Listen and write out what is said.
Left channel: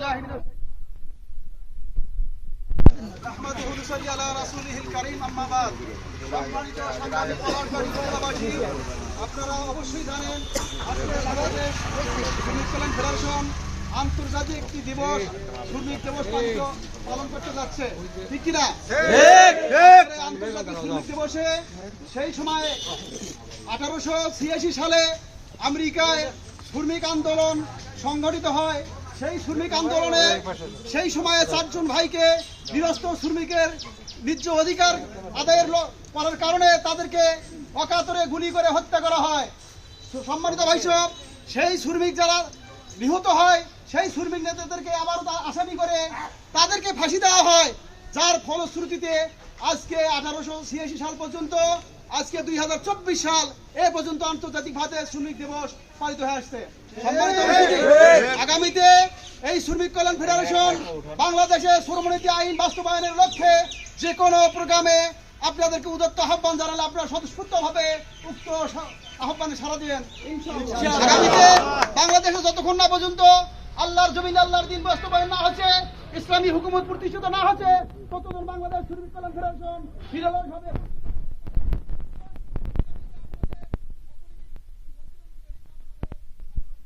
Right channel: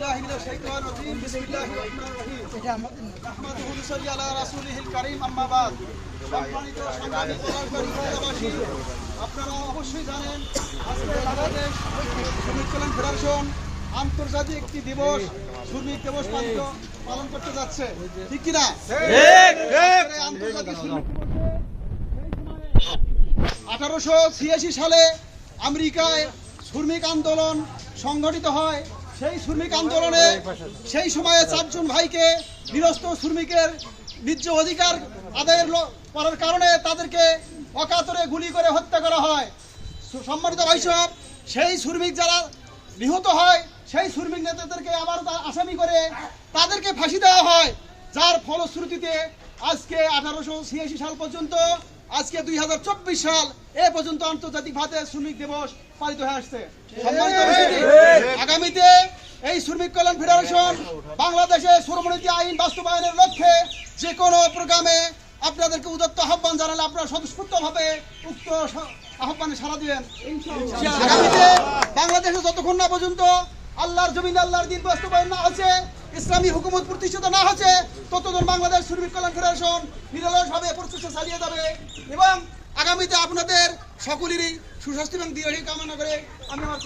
بالله من الشيطان الرجيم بسم الله الرحمن الرحيم نحمده ونصلي على رسوله الكريم أما بعد সম্মানিত সংগ্রামী পলাশবাড়ি উপজেলাবাসী আপনারা অবশ্যই জানেন আজকে বাংলাদেশ শ্রমিক কল্যাণ ফেডারেশন আন্তর্জাতিক একটি দিবস শ্রমিক দিবস পালিত পালন করতে যাচ্ছে ঠিক কিনা এই আন্তর্জাতিক শ্রমিক দিবসে সেই সময় আঠারোশো ছিয়াশি সালে আমেরিকায় শ্রমিক আন্দোলন সংগঠিত হয় সেই শ্রমিক আন্দোলনে সেই সময়ে চারজন ভাইকে নিরস্ত শ্রমিকের ন্যায্য অধিকার আদায়ের করার কারণে তাদেরকে অকাতরে গুলি করে হত্যা করা হয়। সম্মানিত ভাই সব সেই শ্রমিক যারা নিহত হয় সেই শ্রমিক নেতাদেরকে আবারও তা- আসামি করে তাদেরকে ফাঁসি দেওয়া হয়। যার ফলশ্রুতিতে আজকে আঠারোশো ছিয়াশি সাল পর্যন্ত আজকে দুই হাজার চব্বিশ সাল এ পর্যন্ত আন্তর্জাতিক ভাবে শ্রমিক দিবস পালিত হয়ে আসছে। সম্মানিত আগামীতে এই শ্রমিক কল্যাণ ফেডারেশন বাংলাদেশে শ্রমনীতি আইন বাস্তবায়নের লক্ষ্যে যে কোনো প্রোগ্রামে আপনাদেরকে উদত্ত আহ্বান জানালে আপনারা স্বতঃস্ফূর্তভাবে উক্ত আহ্বানে সাড়া দিবেন। আগামীতে বাংলাদেশে যতক্ষণ না পর্যন্ত আল্লাহর জমিন আল্লাহর দিন বাস্তবায়ন না হচ্ছে ইসলামী হুকুমত প্রতিষ্ঠিত না হচ্ছে ততদিন বাংলাদেশ শ্রমিক কল্যাণ ফেডারেশন নিরলসভাবে প্রচেষ্টা চালিয়ে যাবে এবং আগামীতে আপনাদের সকলেরই সুস্বাস্থ্য এবং দীর্ঘ কামনা করে আমি আমার